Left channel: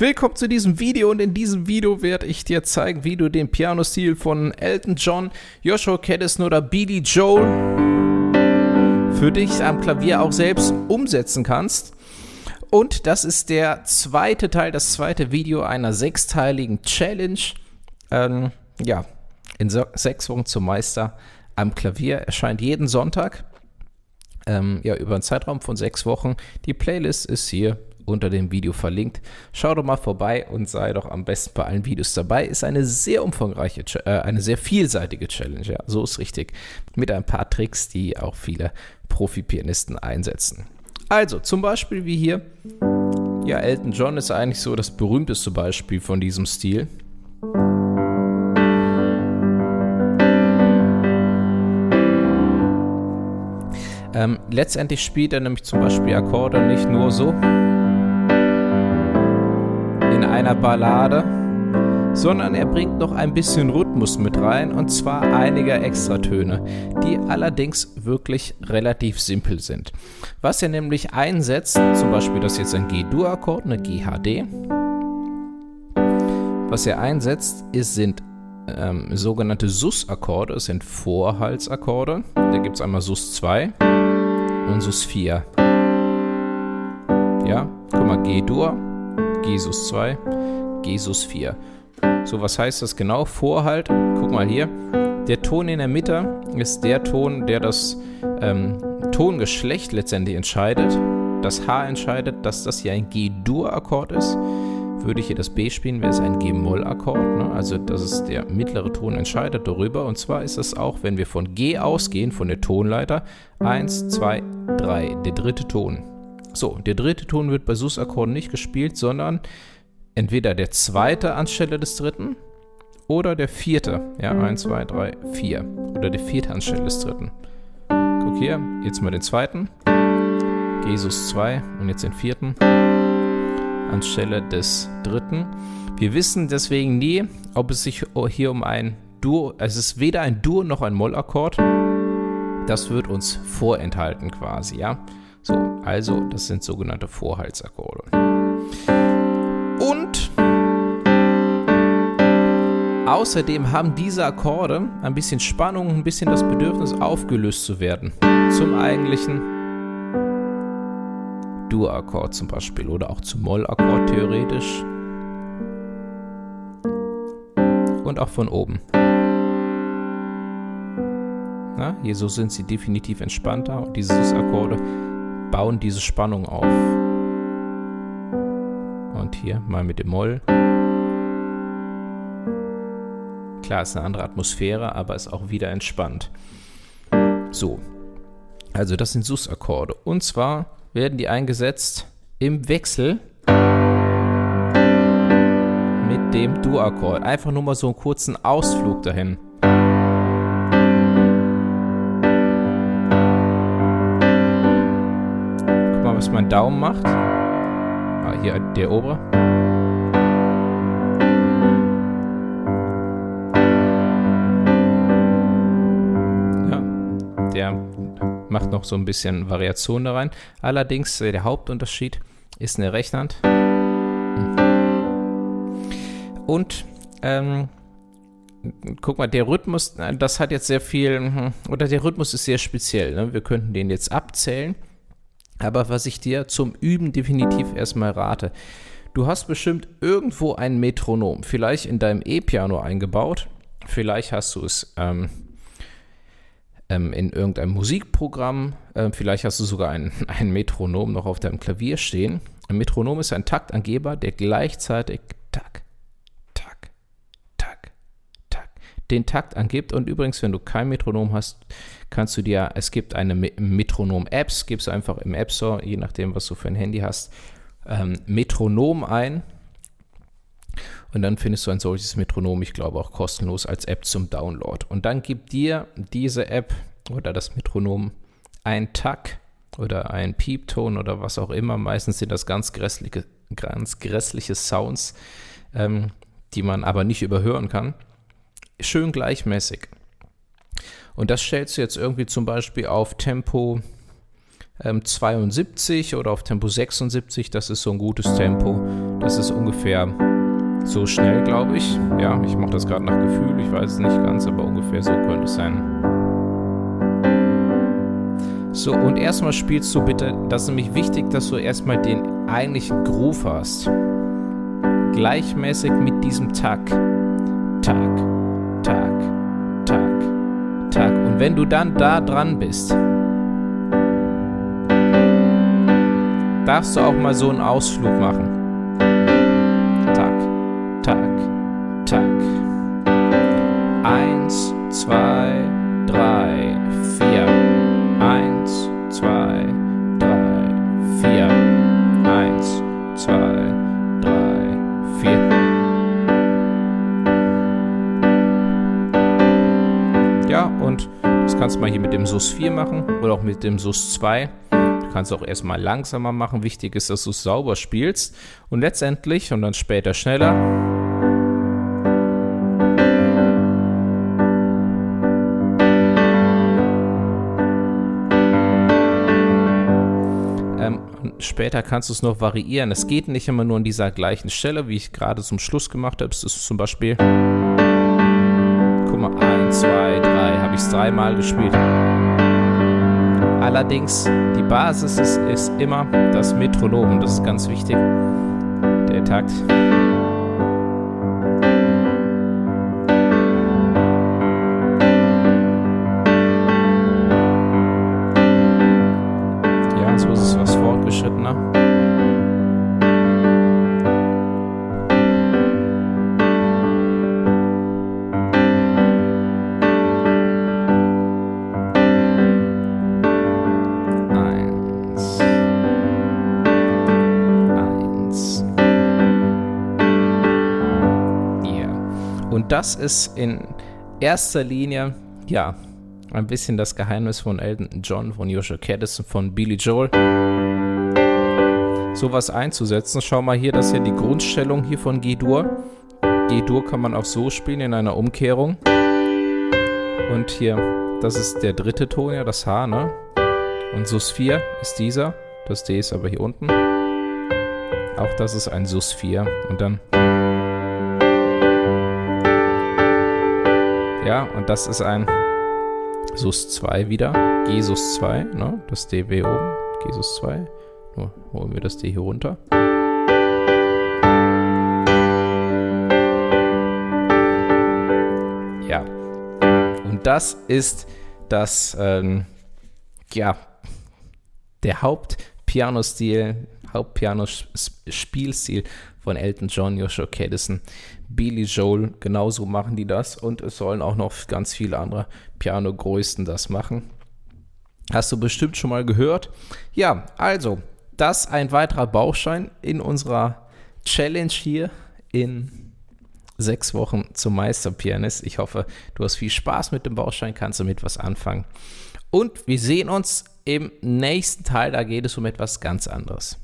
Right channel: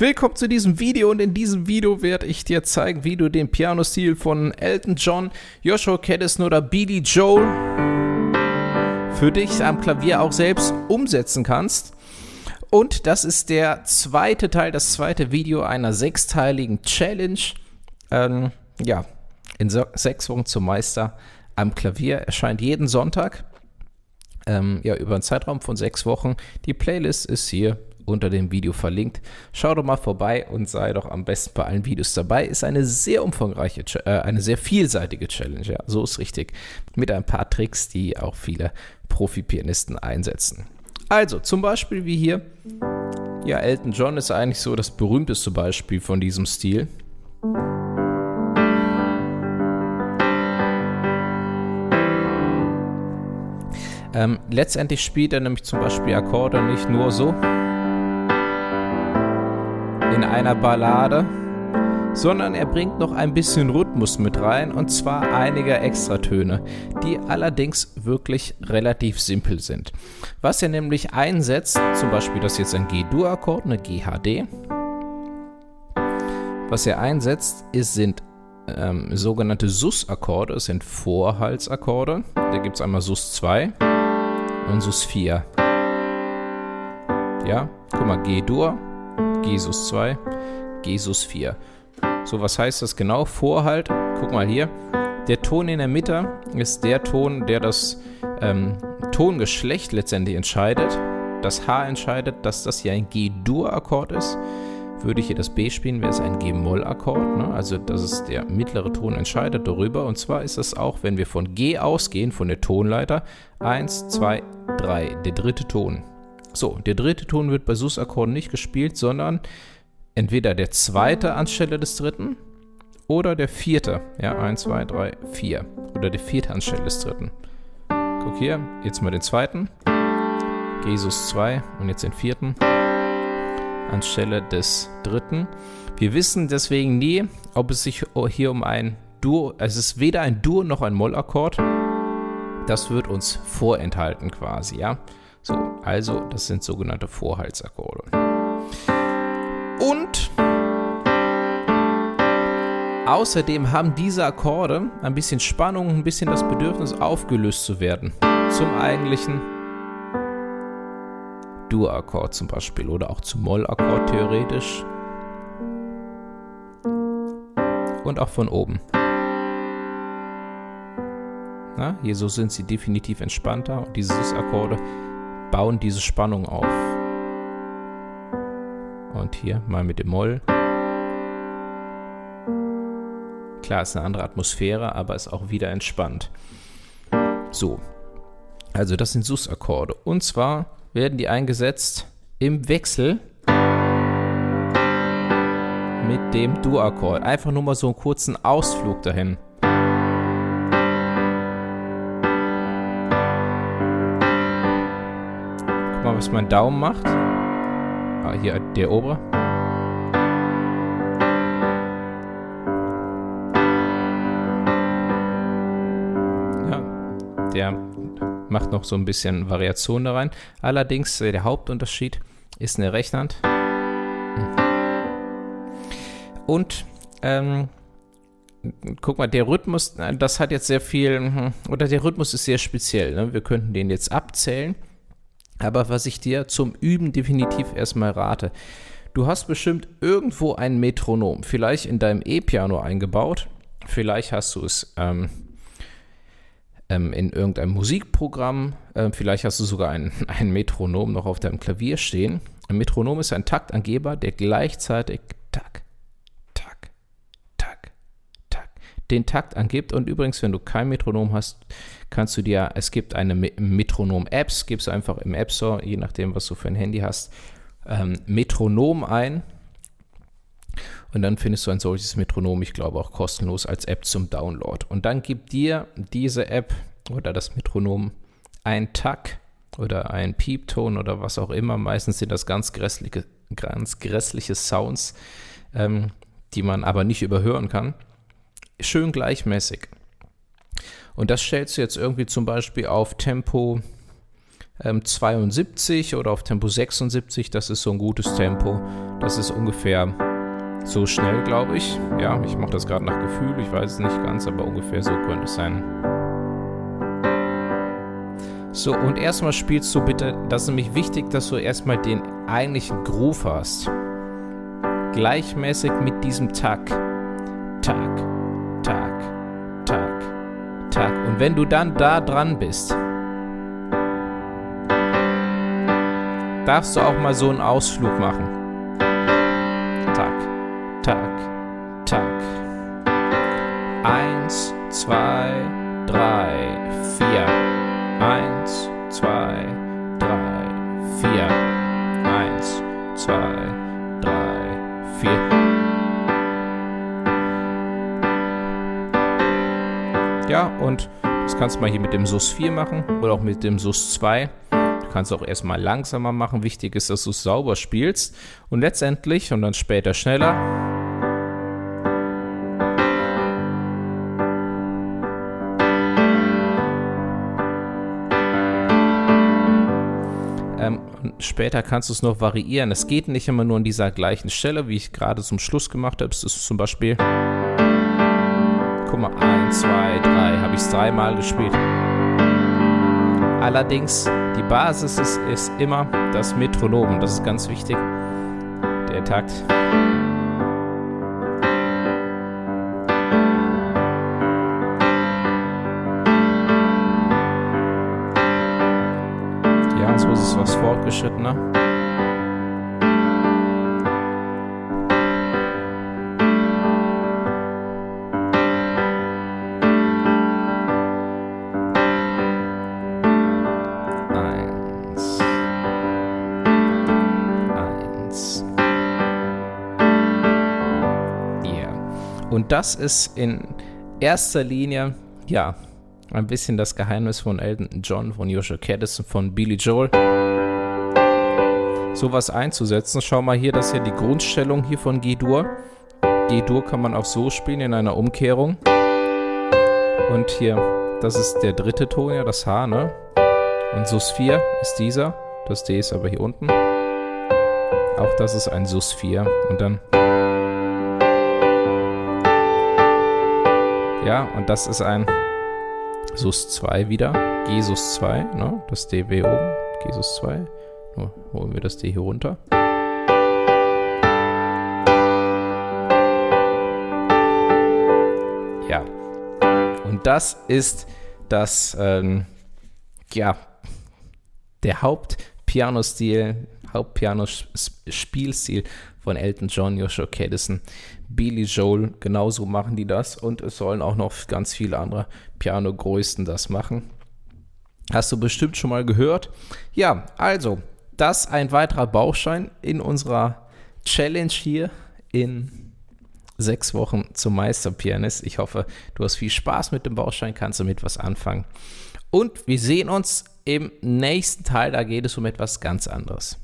Willkommen zu diesem Video und in diesem Video werde ich dir zeigen, wie du den Pianostil von Elton John, Joshua Kadison oder Billy Joel für dich am Klavier auch selbst umsetzen kannst. Und das ist der zweite Teil, das zweite Video einer sechsteiligen Challenge. In 6 Wochen zum Meister am Klavier erscheint jeden Sonntag. Über einen Zeitraum von 6 Wochen. Die Playlist ist hier unter dem Video verlinkt. Schau doch mal vorbei und sei doch am besten bei allen Videos dabei. Ist eine sehr umfangreiche, eine sehr vielseitige Challenge, ja, so ist richtig. Mit ein paar Tricks, die auch viele Profi-Pianisten einsetzen. Also, zum Beispiel wie hier, ja, Elton John ist eigentlich so das berühmteste Beispiel von diesem Stil. Letztendlich spielt er nämlich zum Beispiel Akkorde nicht nur so in einer Ballade, sondern er bringt noch ein bisschen Rhythmus mit rein, und zwar einige Extratöne, die allerdings wirklich relativ simpel sind. Was er nämlich einsetzt, zum Beispiel das ist jetzt ein G-Dur-Akkord, eine GHD. Was er einsetzt, sind sogenannte Sus-Akkorde, es sind Vorhaltsakkorde. Da gibt es einmal Sus 2 und Sus 4. Ja, guck mal, G-Dur, G-Sus 2, G-Sus 4. So, was heißt das genau? Vorhalt, guck mal hier, der Ton in der Mitte ist der Ton, der das Tongeschlecht letztendlich entscheidet. Das H entscheidet, dass das hier ein G-Dur-Akkord ist. Würde ich hier das B spielen, wäre es ein G-Moll-Akkord, ne? Also das ist der mittlere Ton, entscheidet darüber. Und zwar ist es auch, wenn wir von G ausgehen, von der Tonleiter, 1, 2, 3, der dritte Ton. So, der dritte Ton wird bei Sus-Akkorden nicht gespielt, sondern entweder der zweite anstelle des dritten oder der vierte. Ja, 1, 2, 3, 4. Oder der vierte anstelle des dritten. Guck hier, jetzt mal den zweiten. G Sus 2 und jetzt den vierten anstelle des dritten. Wir wissen deswegen nie, ob es sich hier um ein Dur, es ist weder ein Dur noch ein Mollakkord. Das wird uns vorenthalten quasi, ja. So, also das sind sogenannte Vorhaltsakkorde. Und außerdem haben diese Akkorde ein bisschen Spannung, ein bisschen das Bedürfnis aufgelöst zu werden zum eigentlichen Dur-Akkord zum Beispiel oder auch zum Moll-Akkord theoretisch. Und auch von oben. Na, hier so sind sie definitiv entspannter und diese Sus-Akkorde bauen diese Spannung auf. Und hier mal mit dem Moll. Klar, ist eine andere Atmosphäre, aber ist auch wieder entspannt. So, also das sind Sus-Akkorde. Und zwar werden die eingesetzt im Wechsel mit dem Dur-Akkord. Einfach nur mal so einen kurzen Ausflug dahin. Guck mal, was mein Daumen macht. Hier der obere. Ja, der macht noch so ein bisschen Variation da rein. Allerdings, der Hauptunterschied ist eine Rechtshand. Und, guck mal, der Rhythmus, das hat jetzt sehr viel, oder der Rhythmus ist sehr speziell, ne? Wir könnten den jetzt abzählen. Aber was ich dir zum Üben definitiv erstmal rate, du hast bestimmt irgendwo ein Metronom, vielleicht in deinem E-Piano eingebaut, vielleicht hast du es in irgendeinem Musikprogramm, vielleicht hast du sogar ein Metronom noch auf deinem Klavier stehen. Ein Metronom ist ein Taktangeber, der gleichzeitig Tak, Tak, Tak, Tak den Takt angibt. Und übrigens, wenn du kein Metronom hast, kannst du dir, es gibt eine Metronom-Apps, gibst du einfach im App Store, je nachdem, was du für ein Handy hast, Metronom ein. Und dann findest du ein solches Metronom, ich glaube auch kostenlos als App zum Download. Und dann gibt dir diese App oder das Metronom ein Tak oder ein Piepton oder was auch immer. Meistens sind das ganz grässliche Sounds, die man aber nicht überhören kann. Schön gleichmäßig. Und das stellst du jetzt irgendwie zum Beispiel auf Tempo 72 oder auf Tempo 76, das ist so ein gutes Tempo. Das ist ungefähr so schnell, glaube ich. Ja, ich mache das gerade nach Gefühl. Ich weiß es nicht ganz, aber ungefähr so könnte es sein. So, und erstmal spielst du bitte, das ist nämlich wichtig, dass du erstmal den eigentlichen Groove hast. Gleichmäßig mit diesem Takt. Tag, Tag, Tag, Tag. Und wenn du dann da dran bist, darfst du auch mal so einen Ausflug machen. Tag, Tag, Tag. 1, 2, 3, 4. 1, 2, 3, 4. 1, 2, 3, 4. Ja, und das kannst du mal hier mit dem Sus 4 machen oder auch mit dem Sus 2. Du kannst auch erstmal langsamer machen. Wichtig ist, dass du es sauber spielst. Und letztendlich und dann später schneller. Und später kannst du es noch variieren. Es geht nicht immer nur an dieser gleichen Stelle, wie ich gerade zum Schluss gemacht habe. Es ist zum Beispiel, guck mal, 1, 2, 3, habe ich es 3-mal gespielt. Allerdings, die Basis ist immer das Metronom und das ist ganz wichtig, der Takt. Ja, so ist es was fortgeschrittener. Und das ist in erster Linie, ja, ein bisschen das Geheimnis von Elton John, von Joshua Caddison, von Billy Joel. Sowas einzusetzen. Schau mal hier, das ist ja die Grundstellung hier von G-Dur. G-Dur kann man auch so spielen in einer Umkehrung. Und hier, das ist der dritte Ton, ja, das H, ne? Und Sus 4 ist dieser. Das D ist aber hier unten. Auch das ist ein Sus 4. Und dann... Ja, und das ist ein Sus 2 wieder. G Sus 2, ne? Das D W oben. G Sus 2. Nur holen wir das D hier runter. Ja. Und das ist das, ja, der Hauptpiano-Spielstil von Elton John, Joshua Caddison, Billy Joel, genauso machen die das und es sollen auch noch ganz viele andere Piano-Größen das machen. Hast du bestimmt schon mal gehört? Ja, also, das ein weiterer Baustein in unserer Challenge hier in 6 Wochen zum Meisterpianist. Ich hoffe, du hast viel Spaß mit dem Baustein, kannst damit was anfangen. Und wir sehen uns im nächsten Teil, da geht es um etwas ganz anderes.